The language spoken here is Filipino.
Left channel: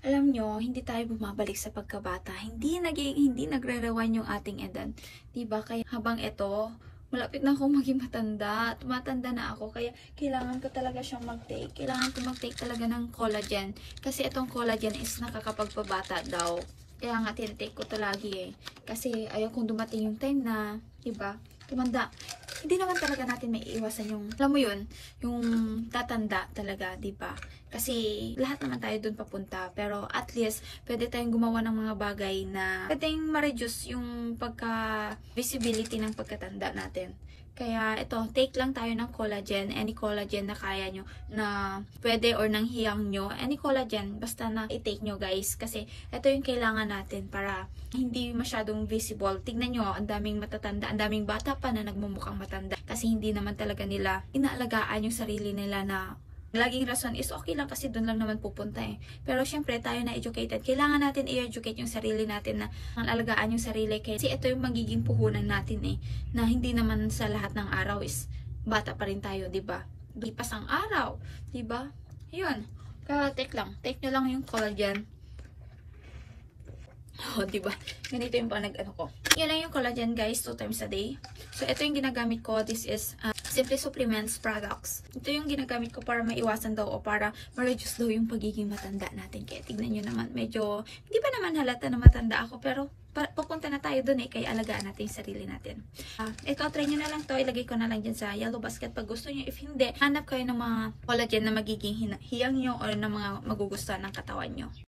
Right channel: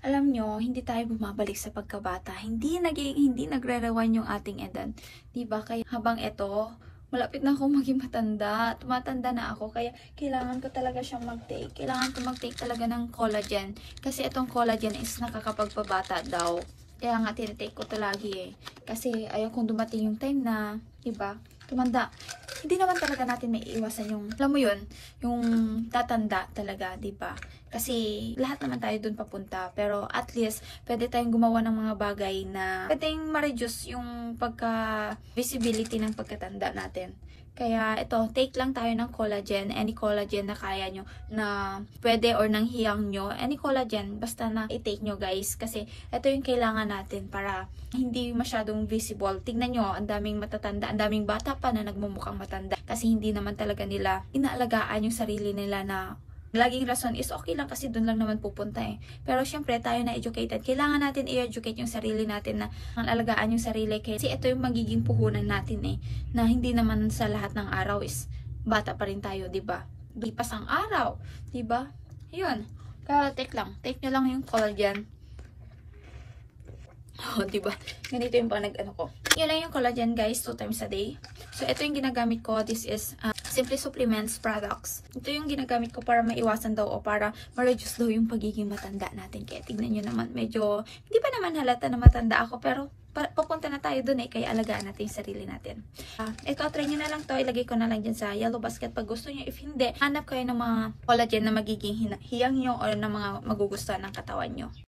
alam nyo, hindi tayo bumabalik sa pagkabata. Hindi nagre-rewind yung ating edad. Diba? Kaya habang ito, malapit na ako maging matanda. Tumatanda na ako. Kaya kailangan ko talaga siyang mag-take. Kailangan ko mag-take talaga ng collagen. Kasi itong collagen is nakakapagpabata daw. Kaya nga tinitake ko to lagi eh. Kasi ayaw kong dumating yung time na, diba? Tumanda. Hindi naman talaga natin may iwasan yung, alam mo yun, yung tatanda talaga, diba? Kasi lahat naman tayo dun papunta. Pero at least, pwede tayong gumawa ng mga bagay na pwedeng ma-reduce yung pagka-visibility ng pagkatanda natin. Kaya ito, take lang tayo ng collagen, any collagen na kaya nyo, na pwede or nang hiyang nyo, any collagen, basta na i-take nyo guys. Kasi ito yung kailangan natin para hindi masyadong visible. Tignan nyo, ang daming matatanda, ang daming bata pa na nagmumukhang matanda. Kasi hindi naman talaga nila inaalagaan yung sarili nila na laging rason is okay lang kasi doon lang naman pupunta eh. Pero syempre tayo na educated. Kailangan natin i-educate yung sarili natin na alagaan yung sarili. Kasi ito yung magiging puhunan natin eh. Na hindi naman sa lahat ng araw is bata pa rin tayo, diba? Lipas ang araw, diba? Yun. Kaya take lang. Take nyo lang yung collagen. Oh, diba? Ganito yung panag-ano ko. Yun lang yung collagen guys, 2 times a day. So, ito yung ginagamit ko. This is Simply Supplements products. Ito yung ginagamit ko para maiwasan daw o para ma-reduce daw yung pagiging matanda natin. Kaya tignan nyo naman, medyo, hindi pa naman halata na matanda ako, pero papunta na tayo dun eh, kaya alagaan natin yung sarili natin. Ito, try nyo na lang to. Ilagay ko na lang dyan sa yellow basket pag gusto nyo. If hindi, hanap kayo ng mga collagen na magiging hiyang nyo o ng mga magugustuhan ng katawan nyo.